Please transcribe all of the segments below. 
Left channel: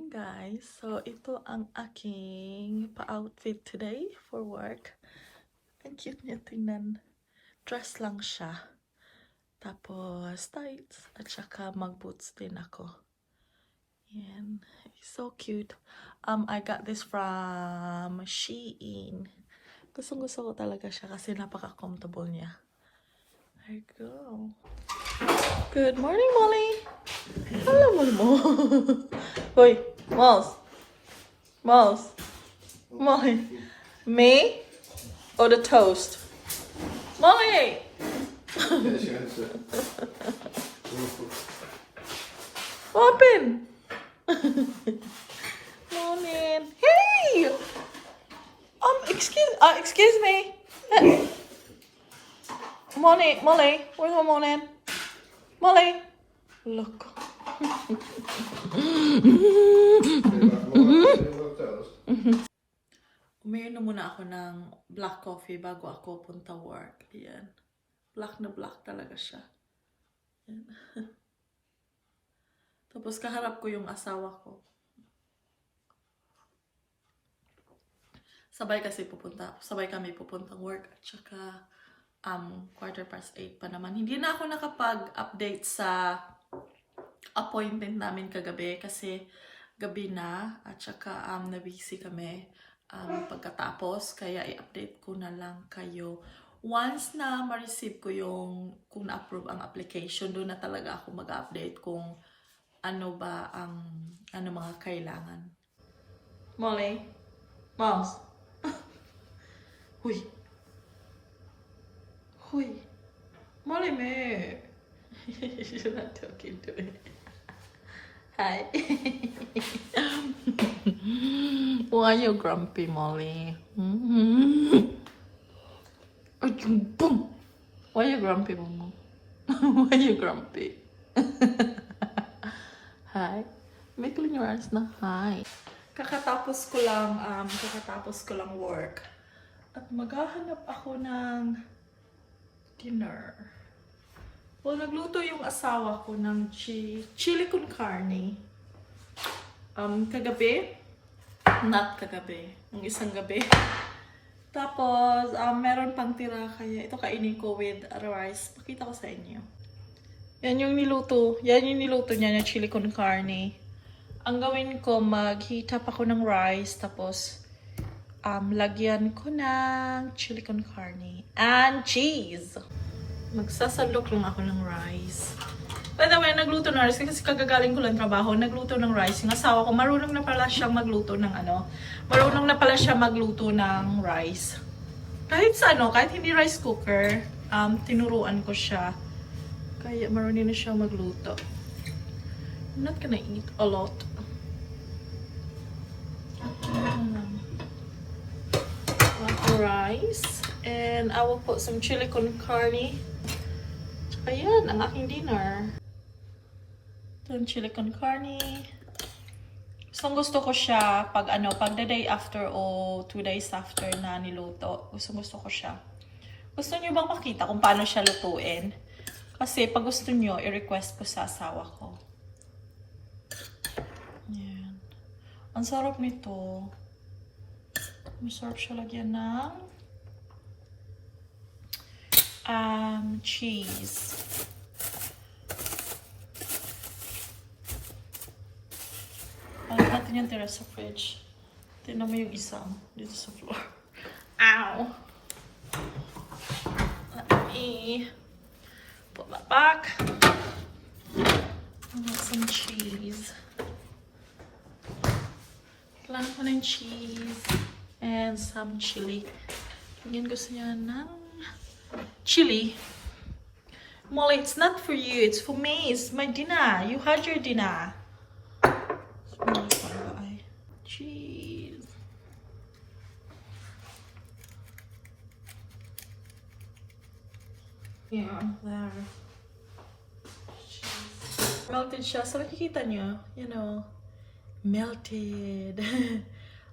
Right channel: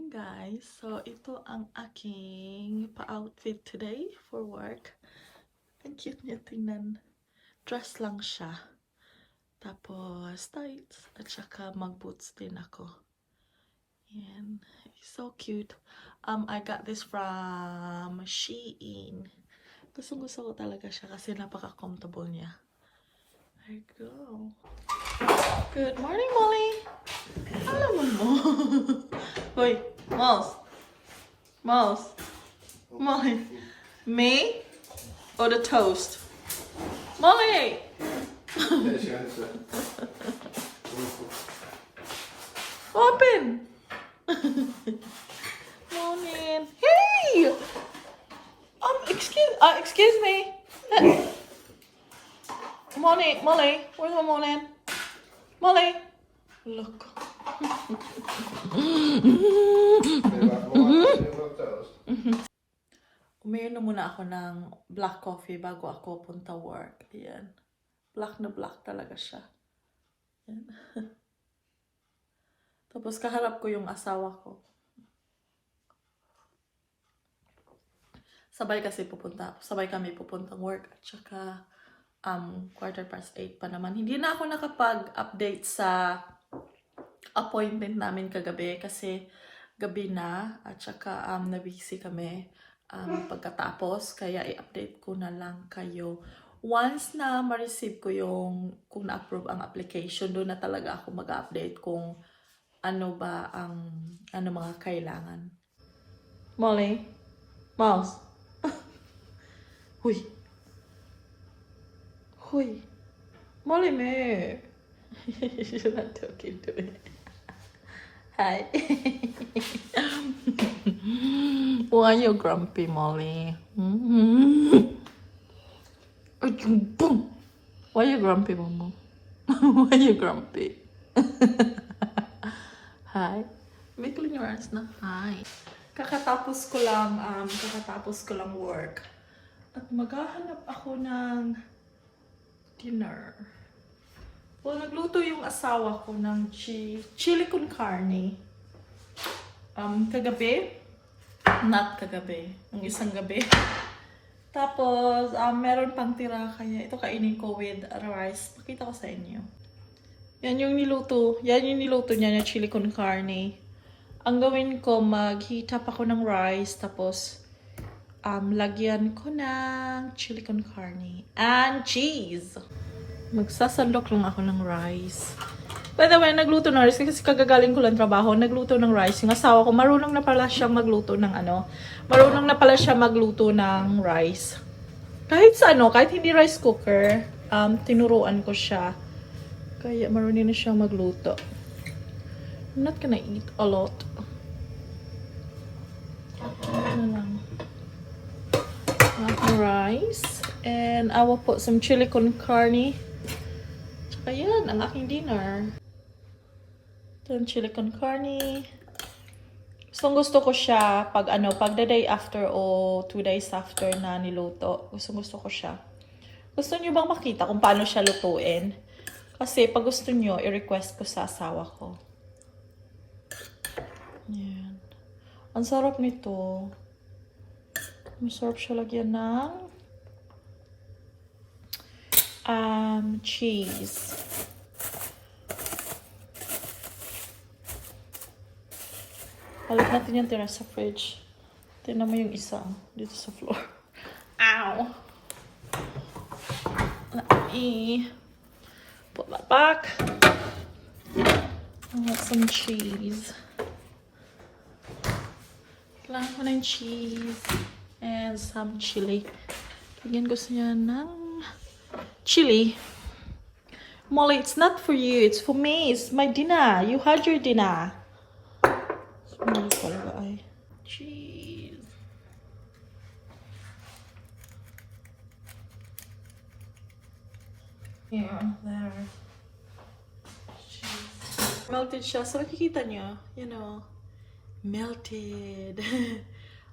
morning guys. So ito ang aking pa-outfit today for work. Ang cute niya tingnan. Dress lang siya. Tapos tights at saka mag-boots din ako. Yan. It's so cute. I got this from Shein. Gustong-gusto ko talaga siya kasi napaka-comfortable niya. There you go. Good morning, Molly. Alam mo. Hoy, Mouse. Mouse. Molly. Me or the toast? Molly! Open! Morning. Hey! Excuse me. Molly, where's my morning? Molly! Look. Uminom na muna ako ng black coffee bago ako punta work. Ayan. Black na black talaga siya. Ayan. Tapos kaharap ko yung asawa ko. Sabay kami pupuntang work at saka 8:15 pa naman. Hindi na ako nakapag-update sa appointment namin kagabi kasi gabi na at saka na-busy kami pagkatapos, kaya i-update ko na lang kayo once na ma-receive ko yung kung na-approve ang application. Doon na talaga ako mag-update kung ano ba ang mga kailangan. Molly, Mouse. Huy. Molly me. You're not talking to me. Hi. Why are you grumpy, Molly? Boom. Why are you grumpy, Mama? Why are you grumpy? Hi. May clearance na. Hi. Kakatapos ko lang work. At maghahanap ako ng dinner. Well, nagluto yung asawa ko ng chili con carne. Kagabi. Not kagabi. Ng isang gabi. Tapos, meron pang tira kaya ito kainin ko with rice. Pakita ko sa inyo. Yan yung niluto niya na chili con carne. Ang gawin ko, mag-heat up ako ng rice. Tapos, lagyan ko ng chili con carne. And cheese. Magsasandok lang ako ng rice. By the way, nagluto ng rice kasi kagagaling ko lang trabaho. Nagluto ng rice. Yung asawa ko, marunong na pala siyang magluto ng rice. Kahit hindi rice cooker, tinuruan ko siya. Kaya marunong na siyang magluto. I'm not gonna eat a lot. Rice. And I will put some chili con carne. Ayan, ang aking dinner. Ito yung chili con carne. Gusto ko siya pag the day after o 2 days after na niluto. Gusto ko siya. Gusto niyo bang makita kung paano siya lutuin? Kasi pag gusto niyo, i-request ko sa asawa ko. Ayan. Ang sarap nito. Masarap siya lagyan ng cheese. Balik natin yung tira sa fridge. Tignan mo yung isa dito sa floor. Ow! Let me put that back. I want some cheese. Kailangan ko ng cheese. And some chili. Yan, gusto niya ng chili. Molly, it's not for you. It's for me. It's my dinner. You had your dinner. Cheese. Yeah, there. Cheese. Melted siya. So, makikita niyo. Melted.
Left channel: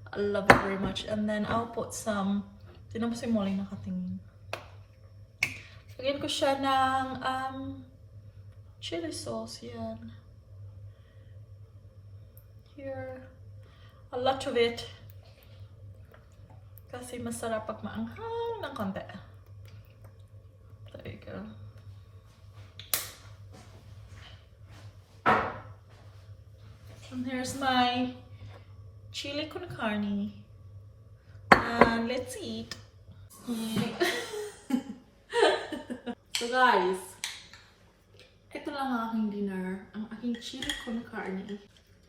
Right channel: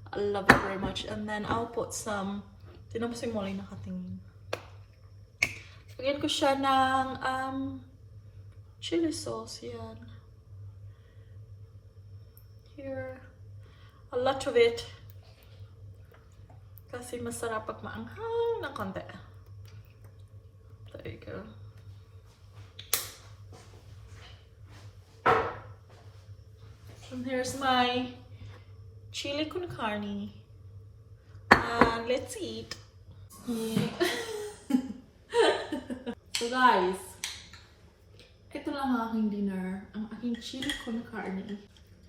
I love it very much. And then I'll put some, tinan mo si Molly nakatingin. Lagyan ko siya ng chili sauce. Yan. here. A lot of it. Kasi masarap pag maanghang ng konti. There you go. And here's my chili con carne. And let's eat. So guys, ito lang ang aking dinner. Ang aking chili con carne.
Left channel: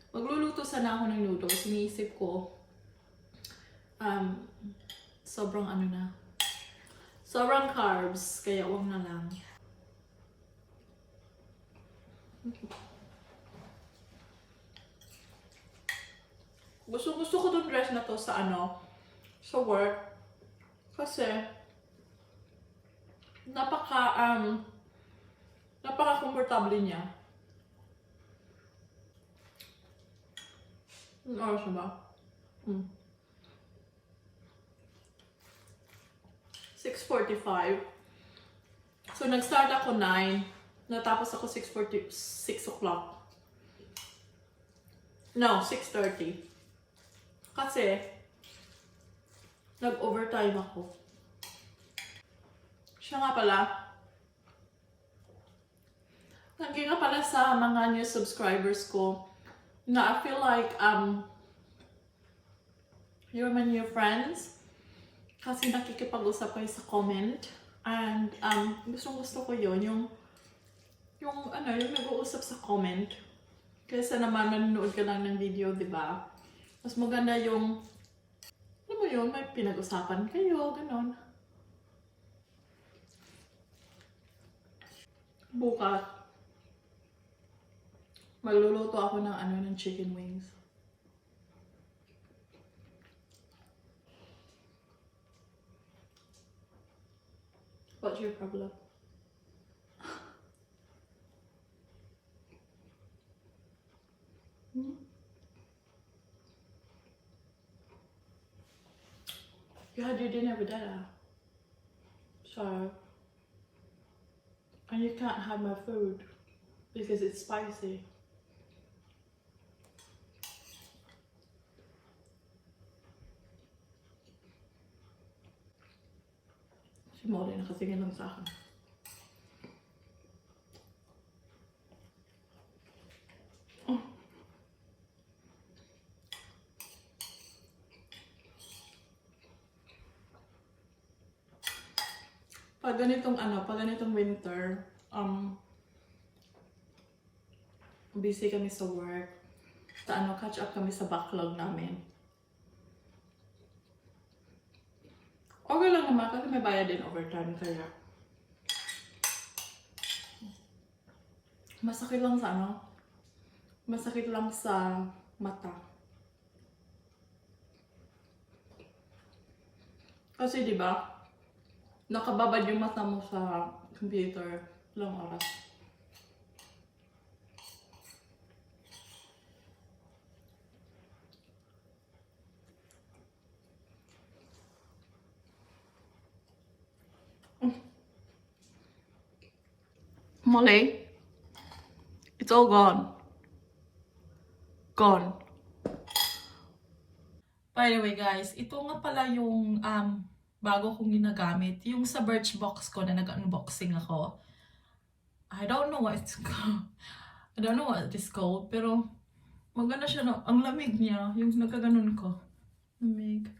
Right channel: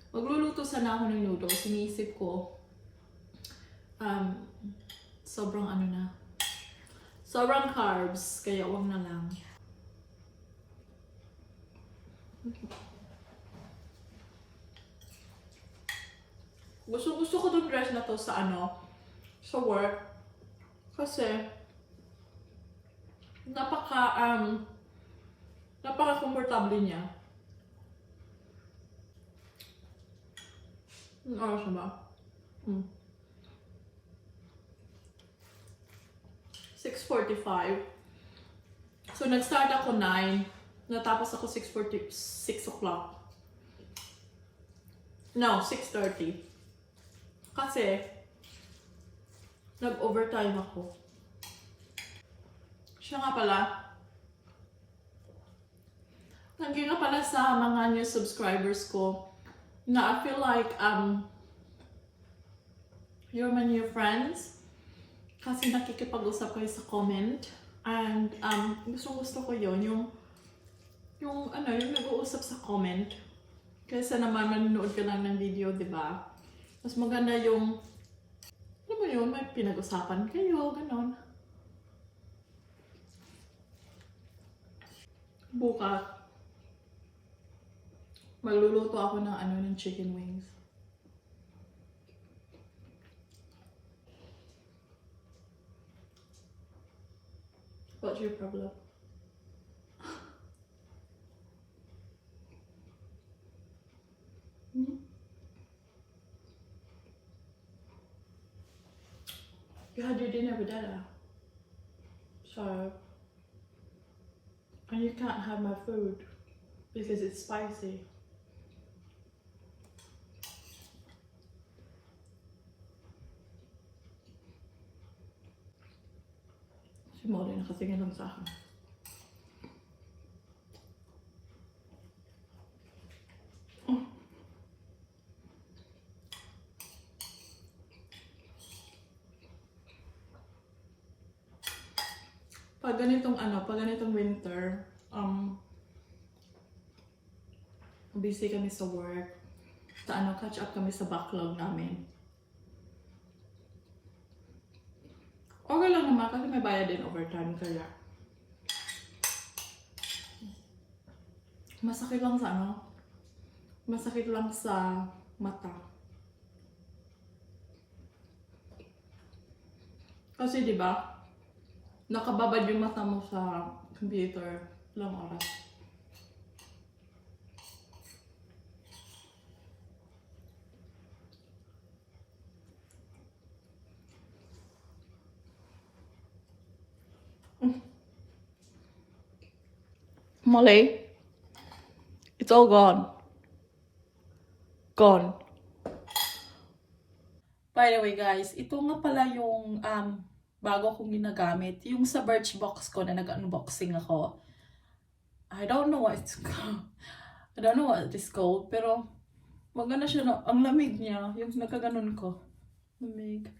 Magluluto sana ako ng noodles. Iniisip ko, sobrang sobrang carbs. Kaya wag na lang. Gusto ko tong dress na to sa sa work. Kasi napaka comfortable niya. Ano oras na ba? 6:45. So nag-start ako 9, natapos ako 6 o'clock. No, 6:30. Kasi nag-overtime ako. Siya nga pala. Thank you nga pala sa mga new subscribers ko na I feel like you're my new friends kasi nakikipag-usap kayo sa comment and gusto ko yun yung nag-uusap sa comment kaysa naman manonood ka lang ng video, di ba? Mas maganda yung alam mo yun, may pinag-usapan kayo, ganon. Bukas magluluto ako ng chicken wings. What's your problem? You had your dinner with Dada. So, and you can't have my food because it's spicy. Si Molly nakatingin lang sa akin. Pag ganitong winter, busy kami sa work. Catch up kami sa backlog namin. Okay lang naman kasi may bayad din overtime kaya. Masakit lang sa mata. Kasi 'di ba? Nakababad yung mata mo sa computer ilang oras. Molly, it's all gone. Gone. By the way guys, ito nga pala yung bago kong ginagamit. Yung sa Birchbox ko na nag-unboxing ako. I don't know what it's called. I don't know what it's called. Pero maganda siya. Ang lamig niya. Yung nagkaganon ko. Lamig.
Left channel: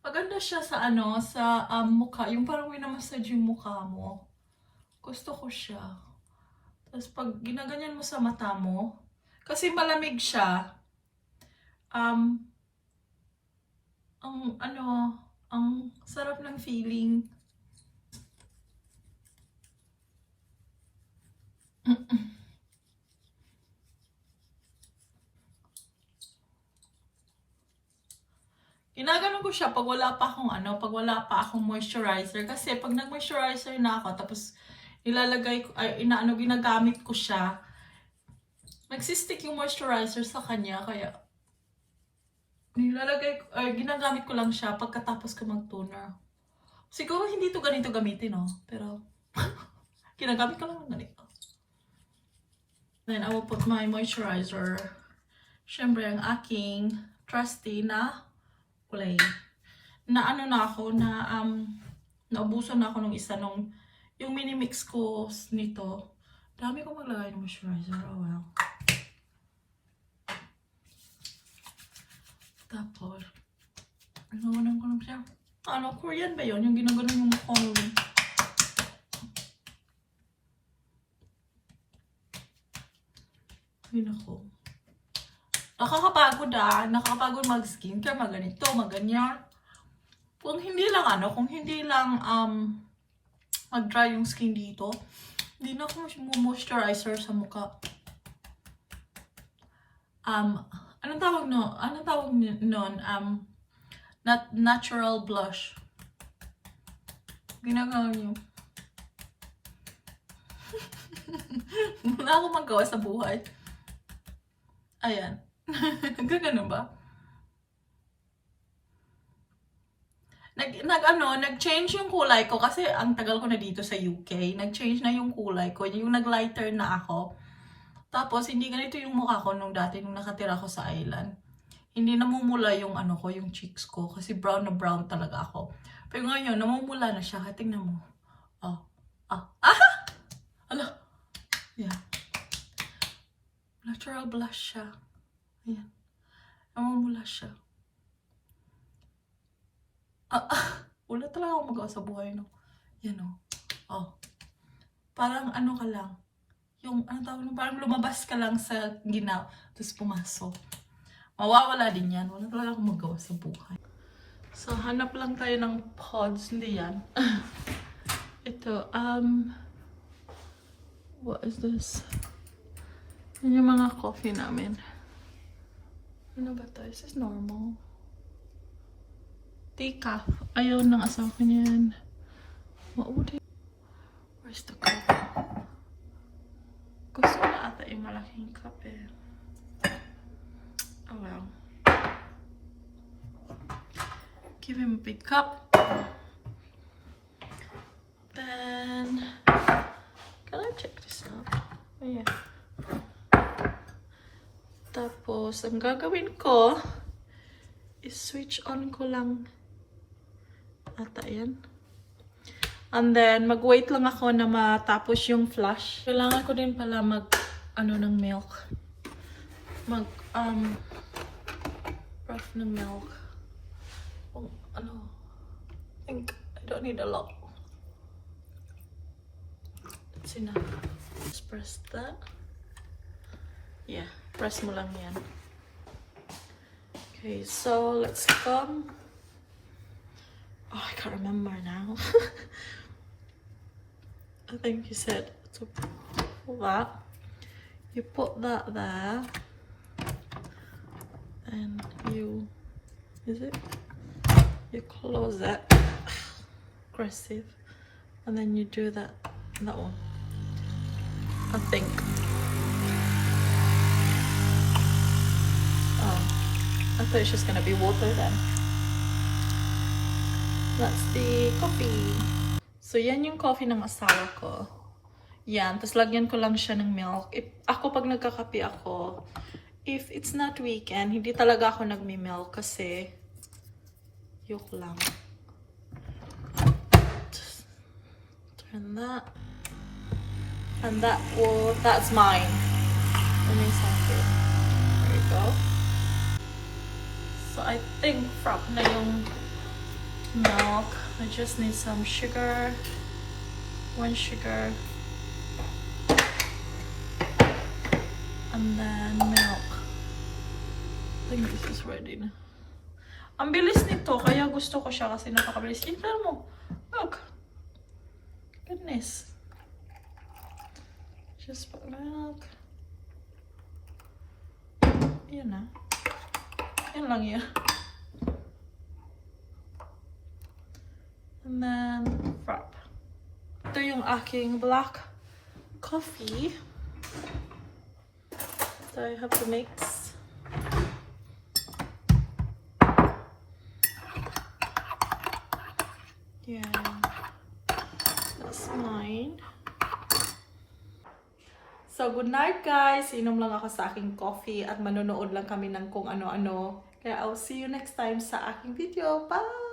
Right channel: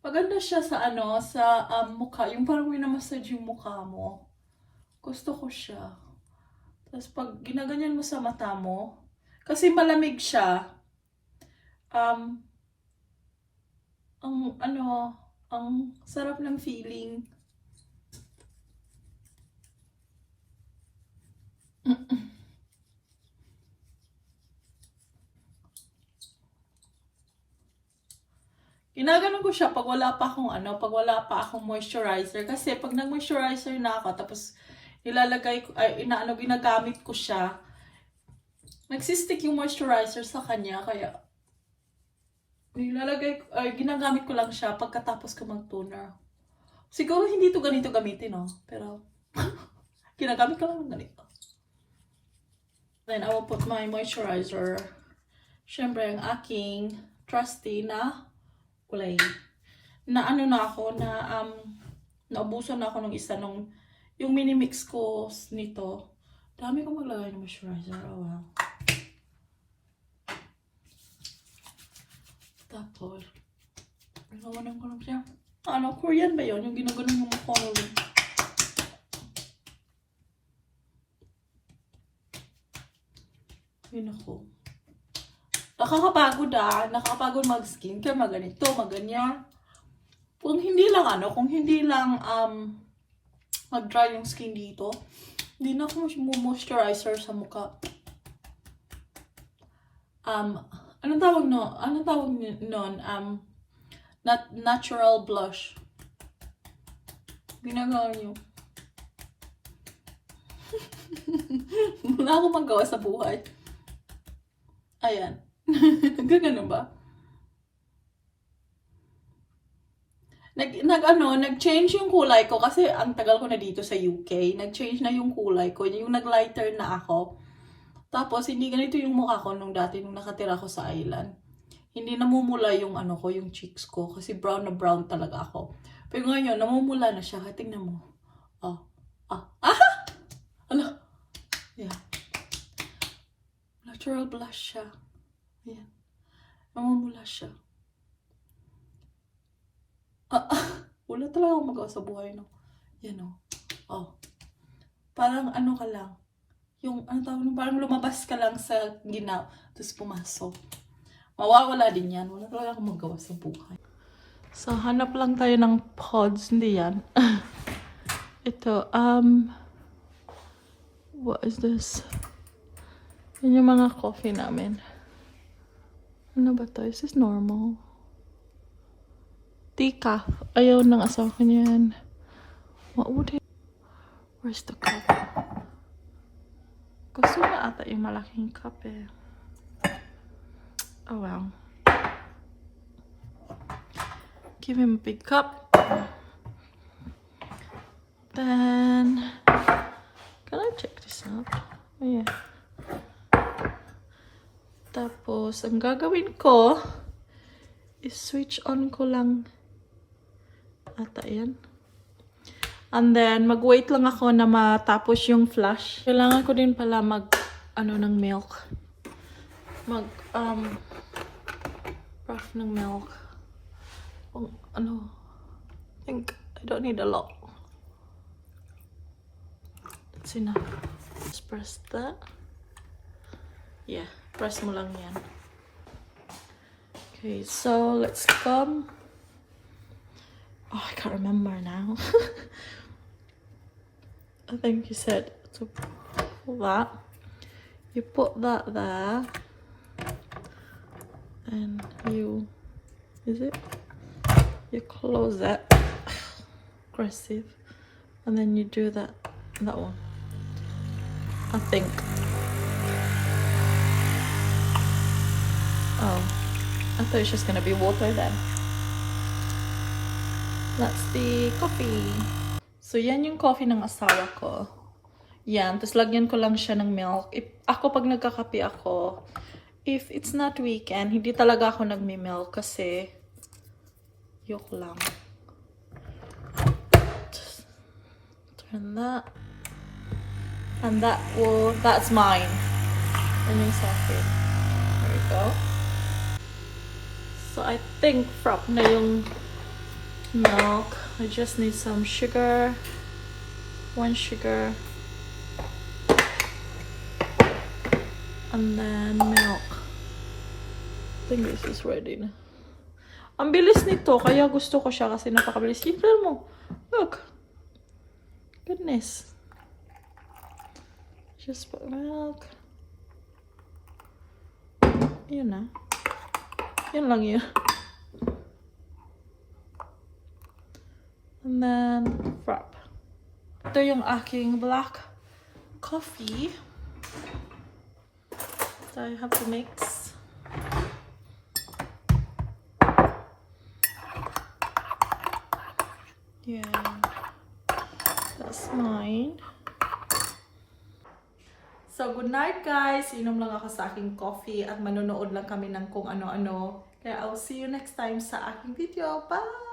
Maganda siya sa sa mukha. Yung parang winamassage yung mukha mo. Gusto ko siya. Tapos pag ginaganyan mo sa mata mo, kasi malamig siya. Ang sarap ng feeling. Ginaganon ko siya pag wala pa akong moisturizer kasi pag nag-moisturizer na ako tapos ginagamit ko siya, nagsistick yung moisturizer sa kanya kaya ginagamit ko lang siya pagkatapos ko mag-toner. Siguro hindi to ganito gamitin, no? Pero ginagamit ko lang ganito. Then I will put my moisturizer. syempre ang aking trusty na kulay. Na ano na ako, na naubusan na ako ng isa nung yung mini mix ko nito. Dami ko maglagay ng moisturizer. Oh well. Tapos, ginawanan ko lang siya. Ano, Korean ba yun? Yung ginaganon mo mukha mo rin. Yun ako. Nakakapagod nakakapagod mag-skincare, maganito, maganya. Kung hindi lang mag-dry yung skin dito, hindi na ako moisturizer sa mukha. Anong tawag nun? Natural blush. Ginagawa niyo. Wala akong magawa sa buhay. Ayan. Ganun ba? Nag-change yung kulay ko kasi ang tagal ko na dito sa UK. Nag-change na yung kulay ko. Yung nag-lighter na ako. Tapos, hindi ganito yung mukha ko nung dati nung nakatira ko sa island. Hindi namumula yung yung cheeks ko. Kasi brown na brown talaga ako. Pero ngayon, namumula na siya. Tingnan mo. Ala. Yeah. Natural blush siya. Ayan. Namumula siya. Wala talaga akong magawa sa buhay, no? Yan, Parang ka lang. Yung, parang lumabas ka lang sa ginaw. Tapos pumasok. Mawawala din yan. Wala talaga akong magawa sa buhay. So, hanap lang tayo ng pods. Hindi yan. Ito, what is this? Yan yung mga coffee namin. Ano ba to? Is this normal? Decaf. Ayaw ng asawa ko niyan. What would it? Where's the cup? Gusto na ata yung malaking cup eh. Oh well. Give him a big cup. Then, can I check this out? Oh yeah. Tapos, ang gagawin ko is switch on ko lang ata yan. And then, mag-wait lang ako na matapos yung flash. Kailangan ko din pala ng milk. Brush ng milk. I think I don't need a lot. That's enough. Just press that. Yeah, press mo lang yan. Okay, so let's come. Oh, I can't remember now. I think you said to pull that. You put that there. And you close it. Aggressive. And then you do that one. I think. Oh, I thought it's just gonna be water then. That's the coffee. So, yan yung coffee ng asawa ko. Yan. Tapos, lagyan ko lang siya ng milk. Ako, pag nagkakape ako, if it's not weekend, hindi talaga ako nagmi-milk kasi yoko lang. Just turn that. And that's mine. And yung sa'kin. There we go. So, I think frap na yung milk. I just need some sugar. 1 sugar. And then milk. I think this is ready na. Ang bilis nito, kaya gusto ko siya kasi napakabilis. Simple mo. Look. Goodness. Just put milk. Yun na. Yun lang yun. And then, frap. Ito yung aking black coffee. So I have to mix. Yeah. That's mine. So, good night guys. Inom lang ako sa aking coffee at manonood lang kami ng kung ano-ano. Kaya I'll see you next time sa aking video. Bye!